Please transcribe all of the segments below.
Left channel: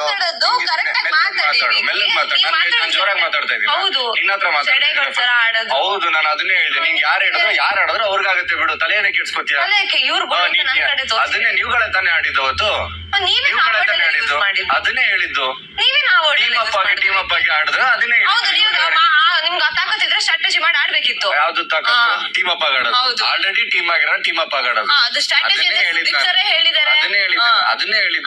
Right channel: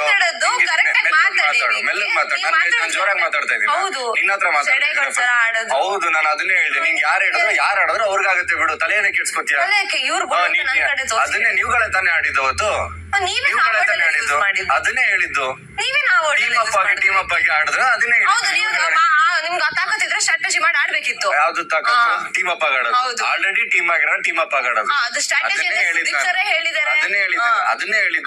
ಮಾತಾಡೋದು ಕರೆಕ್ಟ್ ಆಗಿ ಮಾತಾಡಿ. ಮೆಲ್ಲಗ್ ಮಾತಾಡಿ. ನಾನು ಜೋರಾಗಿ ಮಾತಾಡ್ತಾ ಇದ್ದೀನಿ. ಹೌದು, ನಿನ್ನ ಹತ್ರ ಮಾತಾಡ್ತೀನಿ. ಹೌದು, ನಾನು ಅದನ್ನೇ ಹೇಳಿದೆ. ನಿಂಗೆ ಯಾರು ಆಡಿದ್ರು ಅವ್ರಿಗಾಗತ್ತೆ ಬಿಡು, ತಲೆಯನ್ನೇ ಕೆಡ್ಸ್ಕೊತೀಯ. ಅದನ್ನೇ ನೀವುಗಳೇ ತಾನೇ ಆಡಿದ್ದು ಅವತ್ತು. ನೀವುಗಳೇ ತಾನೇ ಆಡಿದ್ದು. ಅದನ್ನೇ ಹೇಳಿದ್ದು. ಟೀಮ್ ಅಪ್ ಆಗಿ ಆಡಿದ್ರೆ ಅದನ್ನೇ ನಿಮ್ಗೆ ತಾಕತ್ತಿದ್ರೆ ಸ್ಟ್ರಾಟಜಿ ಮಾಡಿ ಆಡ್ಬೇಕಿತ್ತು. ಯಾವ್ದು ತಾಕತ್ತು? ಟೀಮ್ ಅಪ್ ಆಗಿ ಆಡೋದು. ಆಲ್ರೆಡಿ ಟೀಮ್ ಆಗಿರೋ ಟೀಮ್ ಅಪ್ ಆಗಿ ಆಡೋದು. ಅದನ್ನೇ ಹೇಳಿದ್ದು. ಅದನ್ನೇ ಹೇಳಿದ್ದು.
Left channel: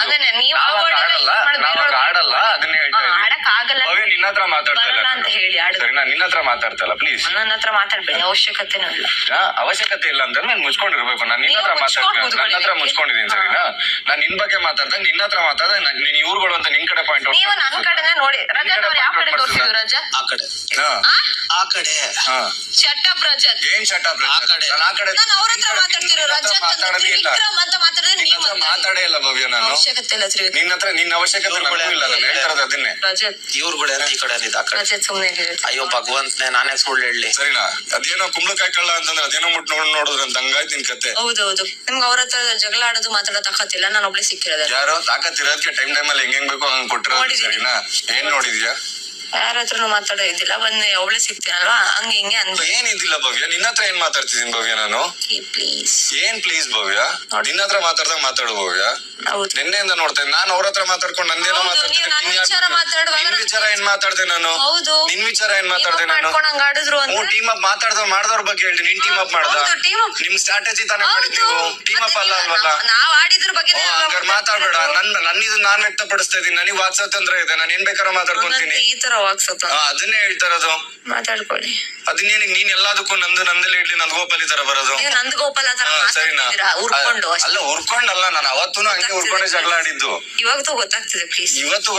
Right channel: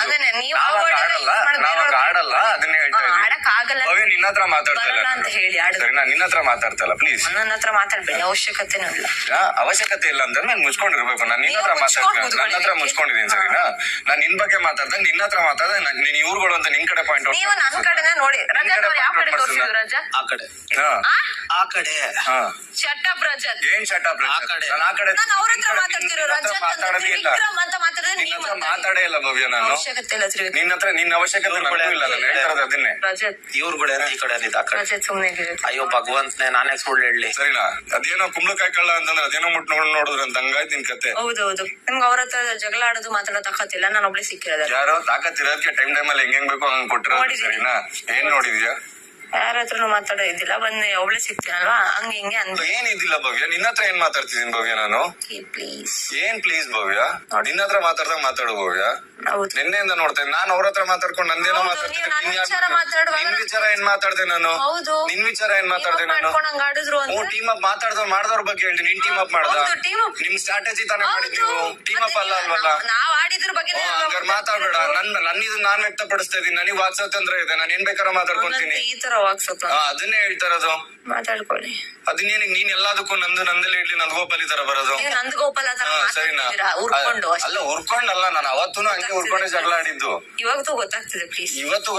ನಾವಾಗ ಆಡಲ್ಲ. ಅದನ್ನೇ ಹೇಳ್ತಾ ಇದ್ದೀನಿ. ಭವ್ಯ ನಿನ್ನ ಹತ್ರ ಮಾತಾಡ್ತಾ ಇಲ್ಲ ಅಂತ ಹೇಳಿ ಸರಿ. ನಾನು ನಿನ್ನ ಹತ್ರ ಮಾತಾಡ್ತಾ ಇಲ್ಲ, ಪ್ಲೀಸ್. ನನ್ನ ಹತ್ರ ಮಾತಾಡ್ಬೇಡಿ, ಅವಶ್ಯಕತೆನೂ ಇಲ್ಲ. ಅವಶ್ಯಕತೆ ಇಲ್ಲ ಅಂದ್ರೆ ನಾನು ಮುಚ್ಕೊಂಡಿರ್ಬೇಕು. ನಾನು ನಿನ್ನ ಹತ್ರ ಮಾತಾಡ್ತೀನಿ. ನನ್ನ ಹತ್ರ ಮುಚ್ಕೊಂಡಿದ್ದೀನಿ ಸರಿನಾ. ನಾನು ನಿನ್ ಬಗ್ಗೆ ಮಾತಾಡ್ದಾಗ ನಿನ್ನ ಹತ್ರ ಮಾತಾಡ್ದಾಗ ನೀನ್ ಇವ್ರುಗಳು ಅಂತ ನಿನ್ ಕಡೆ ಪಾಯಿಂಟ್ ನೀವು ನನ್ನ ಕಡೆನೇ ನೋಡಿ. ಯಾವ ಕಡೆ ತೋರಿಸಿದ್ರು ರಜಾ? ಆ ಕಡೆ ಆ ಕಡೆ. ಶಟಪ್ ರಜತ್. ಏನ್ ಶಟಪ್ ರಜತ್? ನಾನು ಆ ಕಡೆ ನಾನು ಅವ್ರ ಹತ್ರ ಮಾತಾಡ್ತಿರೋ ರಜತ್ ವಿಕ್ರಮ್ ಅಂತ ಮಾತಾಡಿದ್ರೆ ನೀವು ಮಾತಾಡೇ ಇಲ್ಲ ಭವ್ಯ. ನಾನು ಅವಶ್ಯಕತೆ ಇಲ್ಲ ತ್ರಿವಿಕ್ರಮ್. ನಿನ್ನ ಹತ್ರ ನಿನ್ನ ಅವಶ್ಯಕತೆ ನನಗೂ ಇಲ್ಲ. ನಾನು ಹೇಳ್ತಾರದು ಅದನ್ನೇ. ರಜತ್ ಇವ್ರುಗಳೇ ಈ ಕಡೆ ರಜತ್ ಸುಮ್ನೆ ಅಯ್ಯೋ ಭಗವಂತನೇ, ನಾನೇ ಸುಳ್ಳು ಹೇಳಿ ಸರಿನಾ. ಅದೇನೋ ಕುಂಬಳಕಾಯಿ ಕಳ್ಳ ಅಂತಂದ್ರೆ ಅದೇನೋ ಮುಟ್ಟು ನೋಡಿದ್ರೆ ಅಂತ ಹಂಗಾಯ್ತು ನಿನ್ ಕತೆ. ಹೌದೌದು, ನಿಮ್ಗೆ ಅವ್ರ ಹತ್ರ ಜಗಳ ಆಡೋದು ಮಾತಾಡೋ ತಾಕತ್ತಿಲ್ಲ. ನಾನು ಒಬ್ಳೆ ಸಿಕ್ಕಿರೋದ. ಯಾರೋ ತಾಕತ್ತಿರೋದಕ್ಕೆ ಟೈಮ್ ಅಲ್ಲಿ ಹೆಂಗ್ ಬೇಕು ಹಂಗ್ ಕೊಟ್ರ ಸರಿನಾ. ಏನ್ ನೋಡಿದ್ಯಾ? ಯಾರ ಹತ್ರನು ಮಾತಾಡೋ ಇದ್ದಿಲ್ಲ. ಬಂದು ಒಬ್ಳೆ ಸಿಗ್ತೀನಲ್ವಾ, ಹಂಗೆ ಹಿಂಗೆ ಅನ್ಬೋದು. ಏನಿದಿಲ್ಲ ಭವ್ಯ. ನಿನ್ನ ಹತ್ರ ಏನ್ ಮಾತಾಡ್ತಿದೀನಿ ಭವ್ಯ ನಾನು? ಪ್ಲೀಸ್ ಏನ್ ಪ್ಲೀಸ್ ಭವ್ಯ? ನಿನ್ನ ಹತ್ರ ಮಾತಾಡ್ದಾಗ ಮಾತಾಡು ಭವ್ಯ. ಹೌದು, ನಿನ್ನೆಯಿಂದ ನೋಡ್ತೇನೆ ನಾನು ಅವ್ರ ಹತ್ರ ಮಾತಾಡ್ಕೊಂಡು ನಂದೇನೋ ಮಾತಾಡ್ತೀನಿ. ನಿನ್ ವಿಚಾರ ಏನ್ ಮಾತಾಡ್ದೆ ನಾನು? ಹೌದು, ನಿನ್ ವಿಚಾರ ಏನ್ ಮಾತಾಡ್ದೆ ನಾನು? ಆಡಿದ್ರು ಟೀಮ್ ಅಪ್ ಮಾಡಿದವ್ರ ಬಗ್ಗೆ ಹೇಳ್ತೀನಿ. ನಿನ್ ಟೀಮ್ ಅಪ್ ಮಾಡ್ದ? ನಿಮ್ ಸ್ಟ್ರಾಟಜಿ ತಾನೇ ಮಾಡಿದ್ ನೀವು. ಟೀಮ್ ಅಪ್ ಅಲ್ಲ ಅಲ್ವಲ್ಲ. ನಾವ್ ಆಡಿದ್ರ ಬಗ್ಗೆ ಮಾತಾಡ್ಬೇಡ. ನನ್ನಿದು ನಾನ್ ವ್ಯಕ್ತಪಡಿಸ್ತಾ ಇದೀನಿ. ನನಗೆ ವಾಕ್ಸ್ವಾತಂತ್ರ್ಯ ಇದೆ. ನಾನು ಏನ್ ಬೇಕಾದ್ರೂ ಮಾತಾಡ್ಕೊಂತೀನಿ. ಈ ತರ ವಾಕ್ಸತ್ತ ಅದನ್ನೇ ಹೇಳ್ತಾರದು. ಮಾತಾಡ್ಕೊಳ್ಳಿ. ಅದನ್ನೇನು ನೀನ್ ಎಲ್ಲದಕ್ಕೂ ನಂದಲ್ಲಿ ಇಡ್ಲಿ ನಂದಗೋಪಾಲಿ ತರ ಬರೋದು. ನಂದಗೋಪಾಲ ಸರಿನಾ. ಉರ್ಕೊಂಡು ಅಲ್ಲ ಉರ್ಕೊಂಡಲ್ಲ, ನಾನು ಅವತ್ತೂ ಹಂಗೆ ಉರ್ಕೊಂಡೆ ಜಗಳ ಆಡಿದ್ದು. ಇವಾಗತೂ ಗೊತ್ತಾಗ್ತಿದೆ ಪ್ಲೀಸ್. ಇವತ್ತು